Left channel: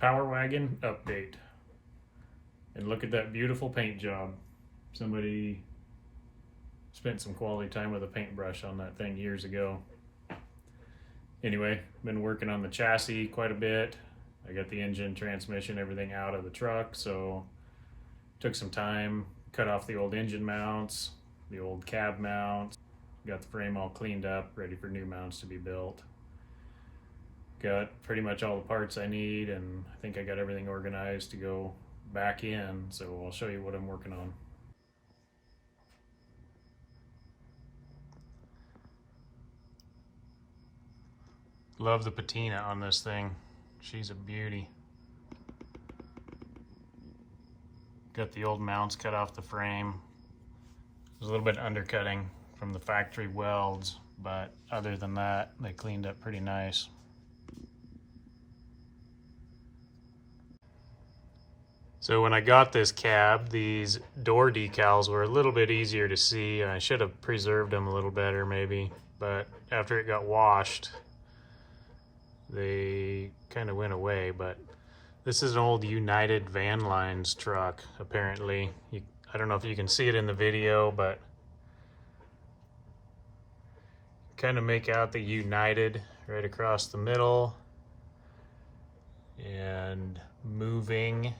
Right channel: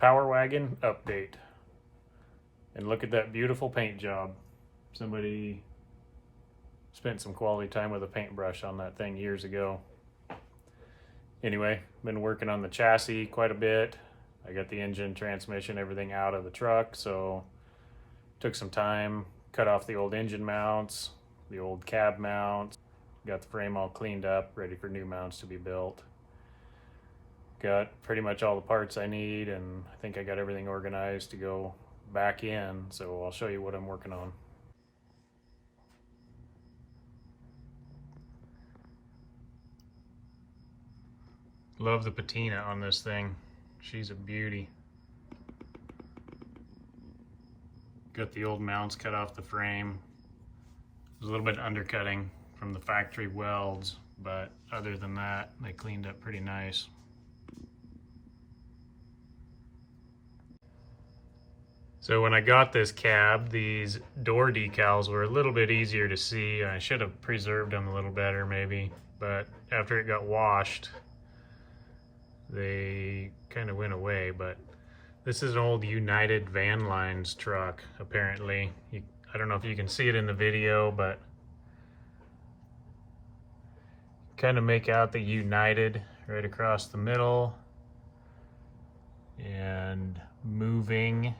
Power Wagon update. And look at that beautiful paint job. Somebody spent some quality time with a paintbrush on that thing years ago. Anyway, been working on the chassis quite a bit. I got the engine, transmission, everything out of the truck, so took some time, cut off the old engine mounts, the old cab mounts, got the frame all cleaned up, ready for new mounts to be built. Got pretty much all the parts I need, and I think I got everything organized to go back in, so I'll show you what I'm working on. Love the patina on this thing. She's a beauty. Got the old mounts cut off the frame. There's a little bit of undercutting from the factory welds, but other than that, they cleaned up pretty nice. So when I got this cab, these door decals were a little bit easier to see, and I should have preserved them a little better maybe, but after it got washed, they kind of went away. But this is an old United Van Lines truck, apparently. I don't know if you can see it in the video, but kind of make out the United right across the middle, and moving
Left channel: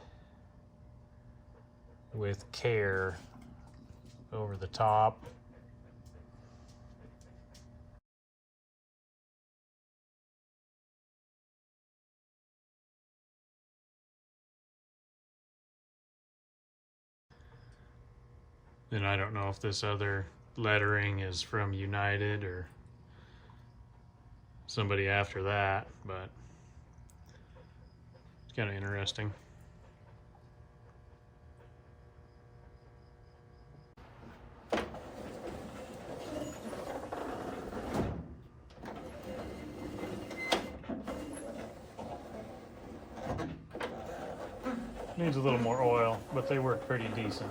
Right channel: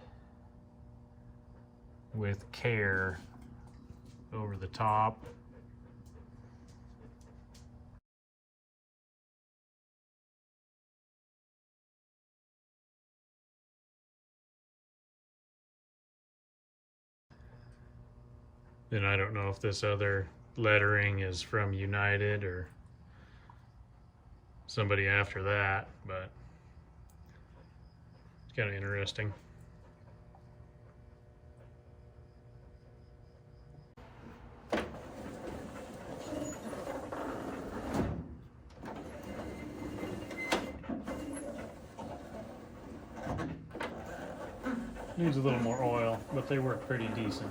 with care over the top. Then I don't know if this other lettering is from United or somebody after that, but it's kind of interesting. Needs a little more oil, but they work pretty decent.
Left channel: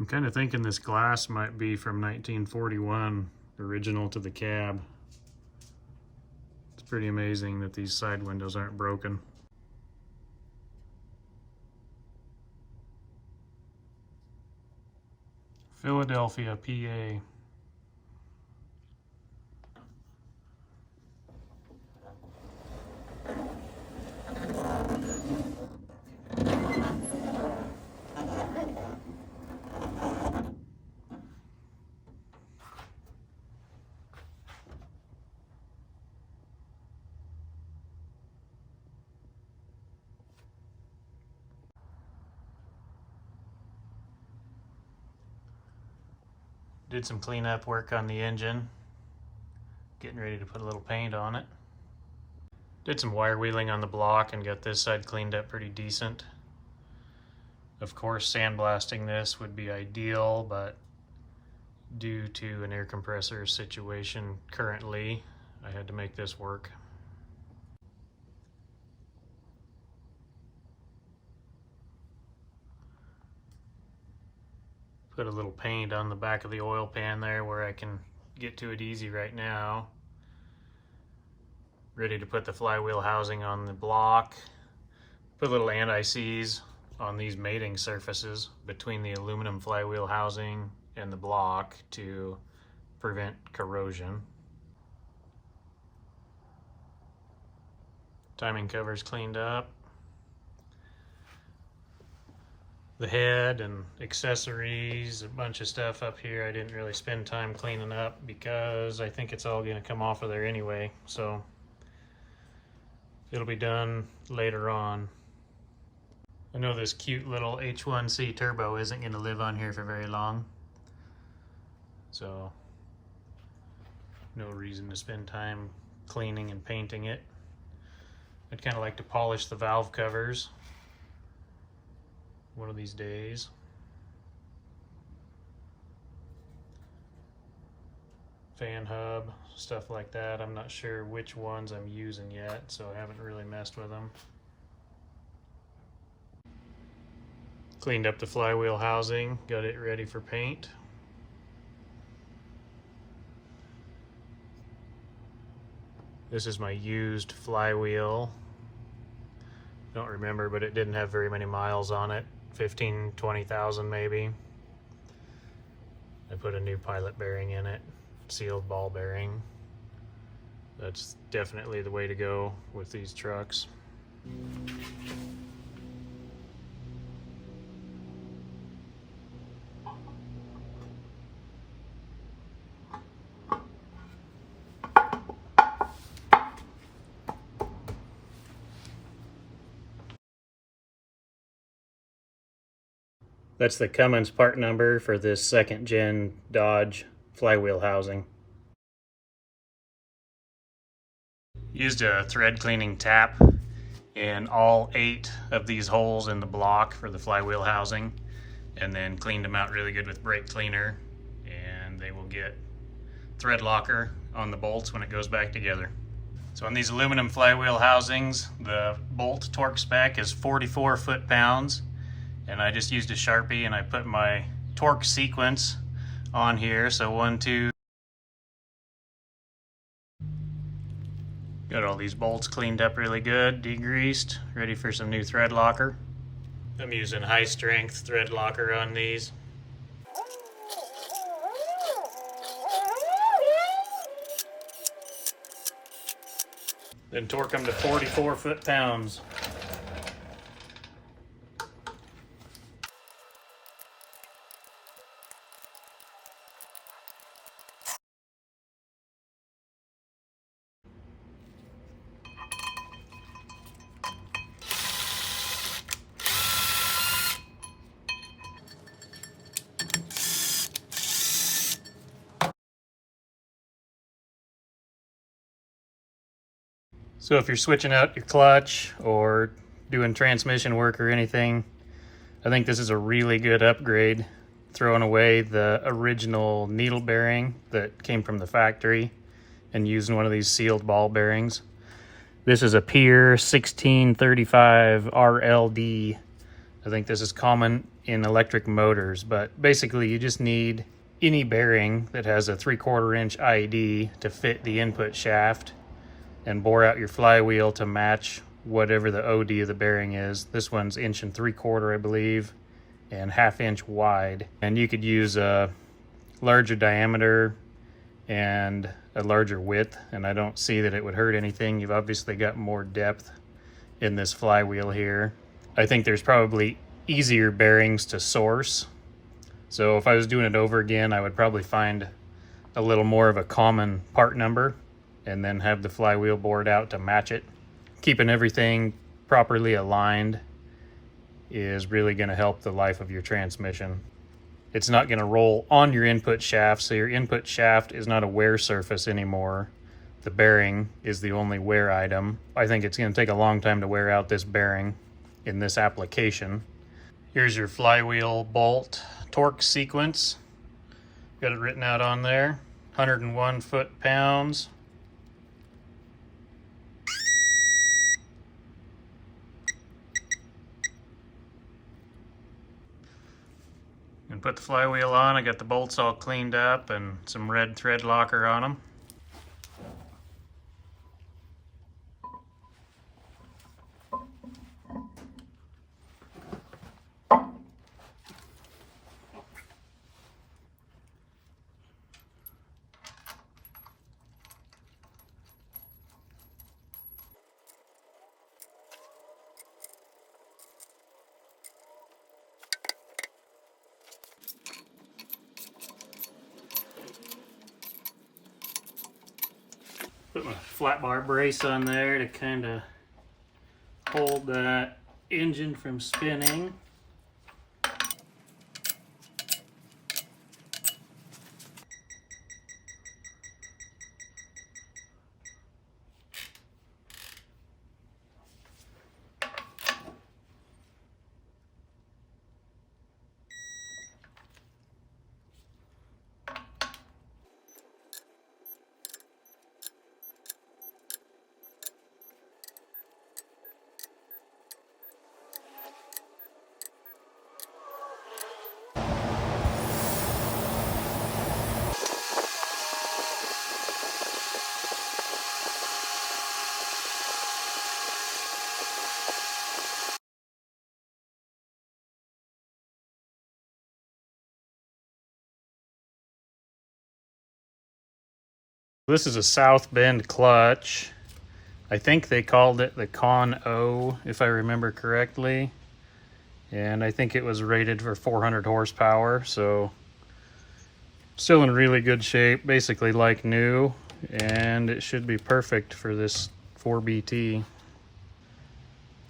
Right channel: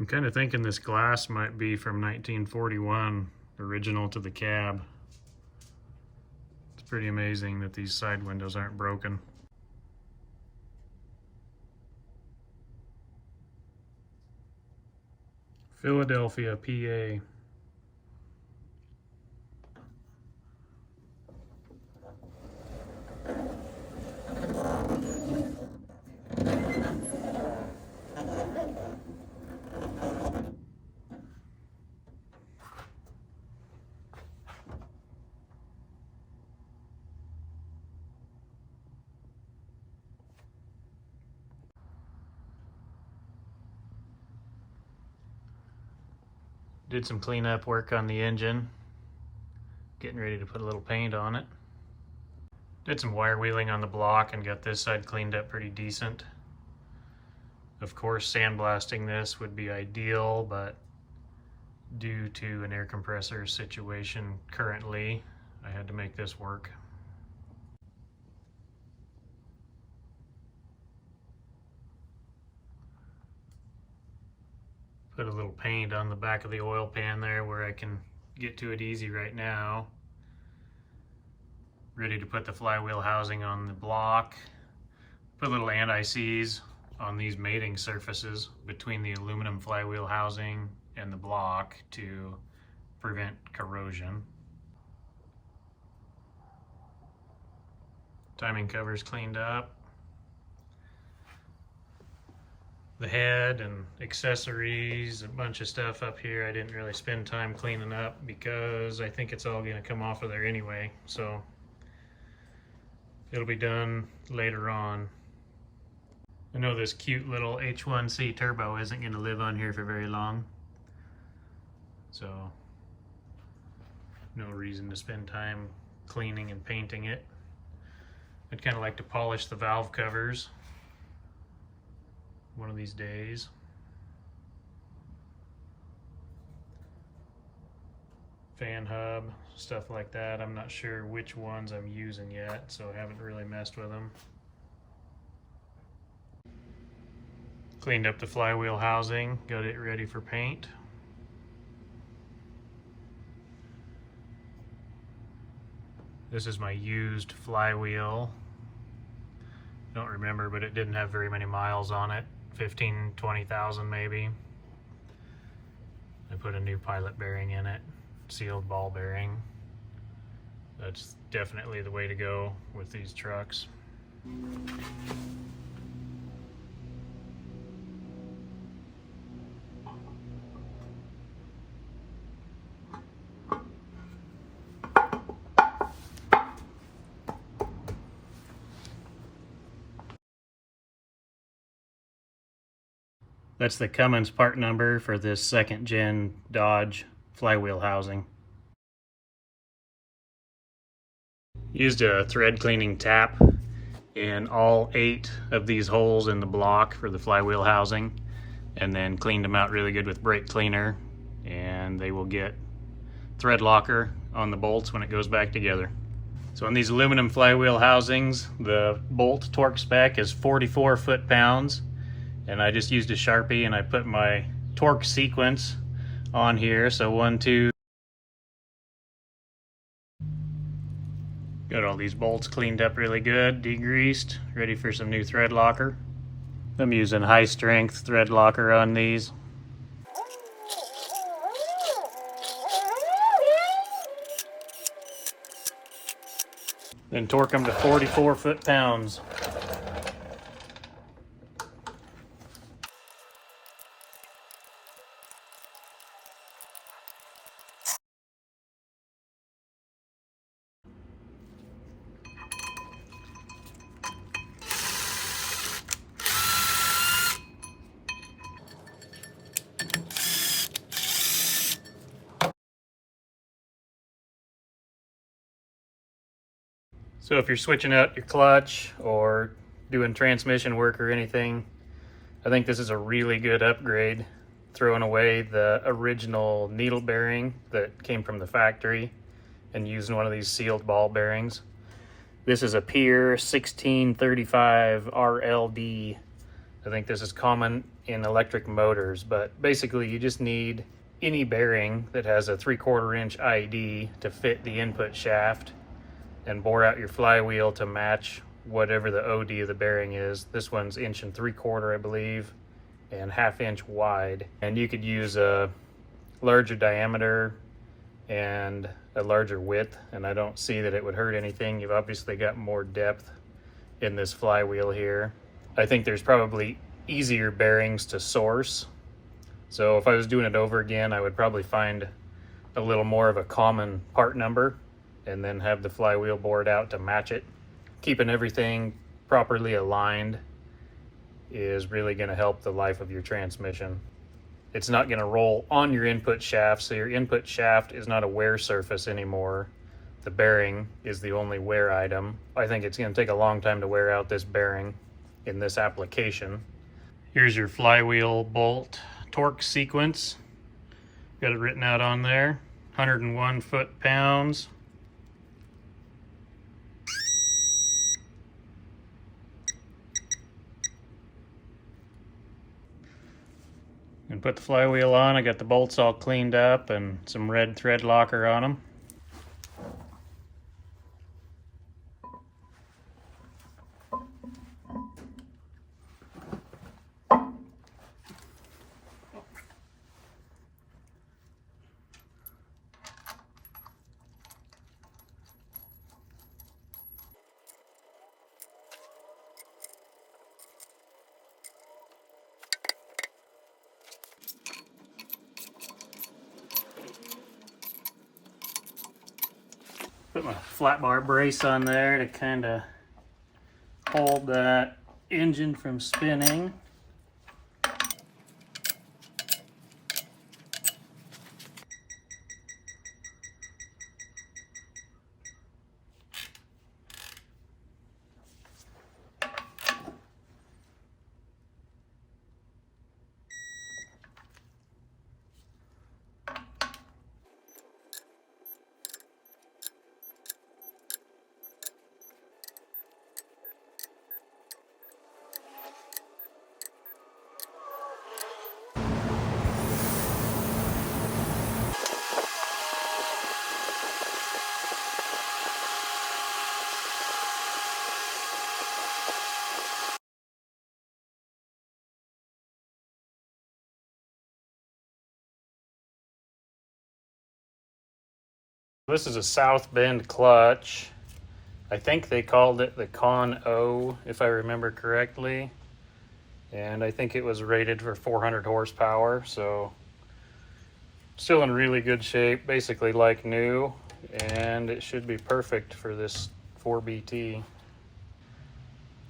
I'm kind of thinking this glass might be from 1941, original to the cab. It's pretty amazing that these side windows aren't broken. Philadelphia, PA. Did some cleanup work on the engine. Getting ready to put a little paint on it. Did some wire wheeling on the block and got this side cleaned up pretty decent. Of course, sandblasting this would be ideal, but due to an air compressor situation currently, I had to make this work. Put a little paint on the back of the oil pan there where I can get to it easy right now. Ready to put the flywheel housing on the block. Put little anti-seize on these mating surfaces between the aluminum flywheel housing and the block to prevent corrosion. Timing cover's cleaned up. The head and accessories, a bunch of stuff up here I didn't really spend time cleaning up because I think it's all gonna come off of there anyway, so it'll be done later on. I know this cute little H1C turbo isn't gonna live on here for very long, so no reason to spend time cleaning and painting it. I'd kind of like to polish the valve covers one of these days. Fan hub, stuff like that. I'm not sure which ones I'm using yet, so I haven't really messed with them. Cleaned up the flywheel housing, got it ready for paint. This is my used flywheel. Don't remember, but it didn't have very many miles on it. 15, 20,000 maybe. I put a new pilot bearing in it, sealed ball bearing. That's definitely the way to go with these trucks. That's the Cummins part number for this second gen Dodge flywheel housing. Used a thread cleaning tap in all 8 of these holes in the block for the flywheel housing, and then cleaned them out really good with brake cleaner, and they will get thread locker on the bolts when it goes back together. So on these aluminum flywheel housings, the bolt torque spec is 44 foot-pounds, and I just used a Sharpie and I put my torque sequence on here. So 1, 2. Got all these bolts cleaned up really good, degreased, ready for some new thread locker. I'm using high strength thread locker on these. Then torque them to 44 foot-pounds. So if you're switching out your clutch or doing transmission work or anything, I think this is a really good upgrade. Throwing away the original needle bearing that came from the factory and using one of these sealed ball bearings. This is a Powr 1635 RLD. I think this is common in electric motors, but basically you just need any bearing that has a 3/4 inch ID to fit the input shaft, and bore out your flywheel to match whatever the OD of the bearing is. This one's 1 3/4 I believe, and 1/2 inch wide. And you could use a larger diameter and a larger width, and I don't see that it would hurt anything. You've obviously got more depth in this flywheel here. I think there's probably easier bearings to source. So if I was doing it over again, I would probably find a little more of a common part number and then have the flywheel bored out to match it. Keeping everything properly aligned is really going to help the life of your transmission. It's not going to roll on your input shaft, so your input shaft is not a wear surface anymore. The bearing is the only wear item. I think it's going to take a long time to wear out this bearing in this application. Here's your flywheel bolt torque sequence. Got it written out on there. 101 foot-pounds. And put the flywheel on. I got the bolts all cleaned up and some red thread locker on them. Put my flat bar brace on there to kind of hold that engine from spinning. This is a South Bend clutch. I think they called it the Con O, if I remember correctly. And I think it was rated for 400 horsepower, so still in really good shape, basically like new, and it should be perfect for this 4BT.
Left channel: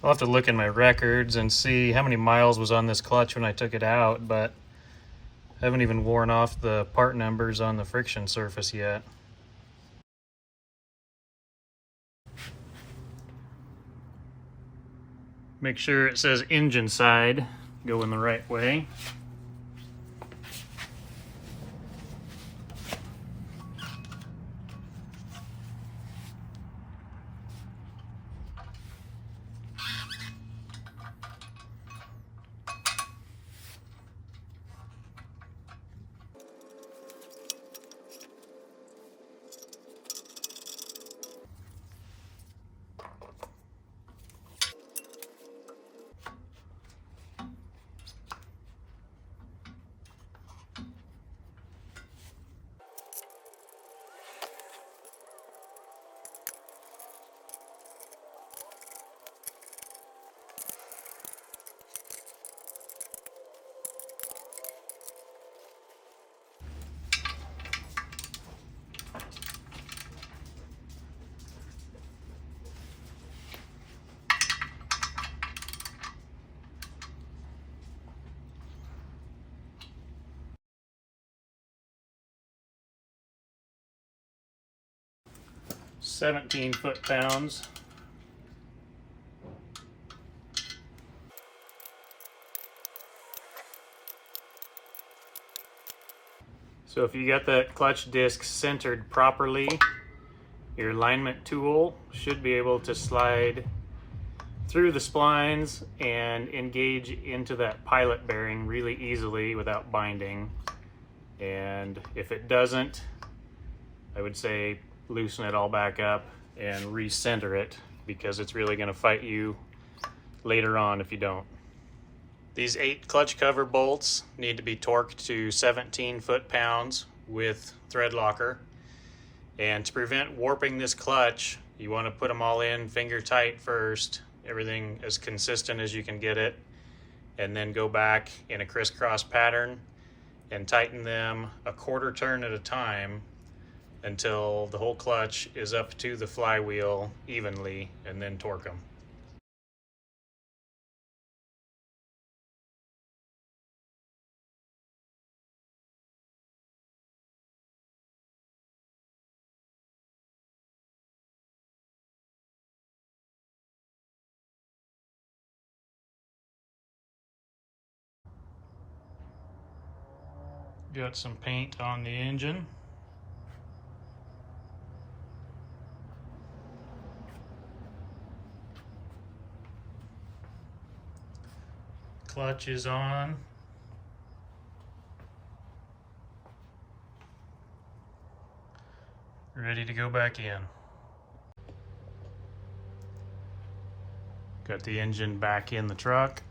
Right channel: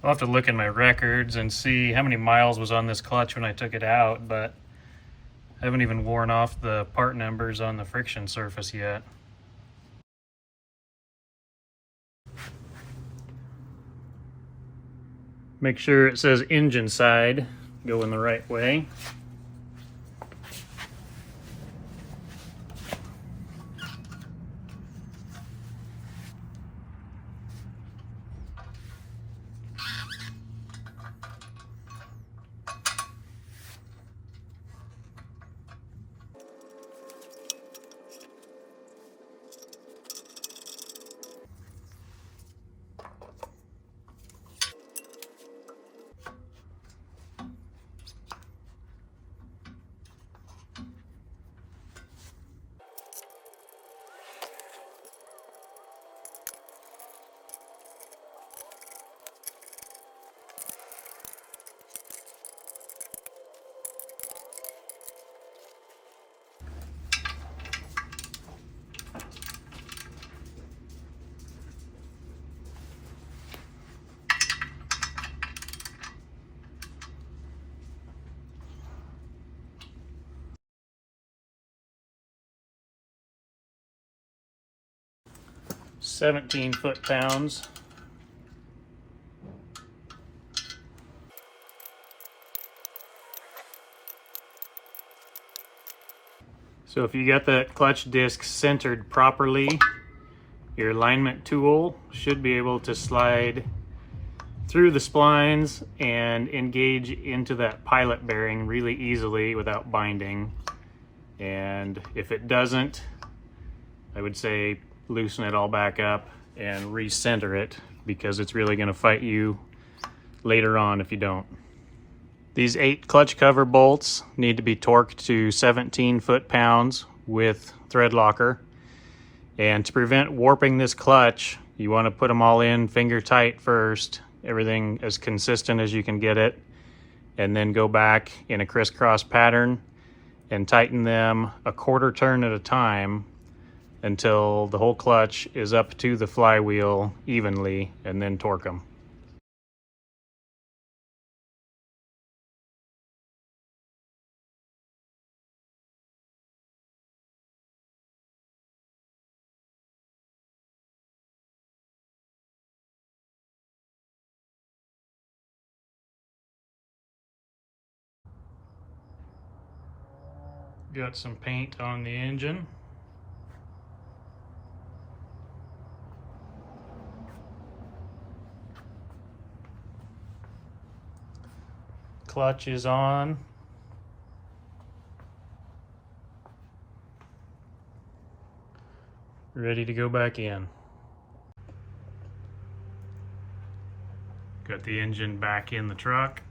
I'll have to look in my records and see how many miles was on this clutch when I took it out, but I haven't even worn off the part numbers on the friction surface yet. Make sure it says engine side going the right way. "17 foot-pounds. So if you got that clutch disc centered properly, your alignment tool should be able to slide through the splines and engage into that pilot bearing really easily without binding. And if it doesn't, I would say loosen it all back up and recenter it, because it's really going to fight you later on if you don't. These 8 clutch cover bolts need to be torqued to 17 foot-pounds with thread locker. And to prevent warping this clutch, you want to put them all in finger tight first, everything as consistent as you can get it, and then go back in a crisscross pattern and tighten them a quarter turn at a time until the whole clutch is up to the flywheel evenly, and then torque them. Got some paint on the engine. Clutch is on. Ready to go back in. Got the engine back in the truck.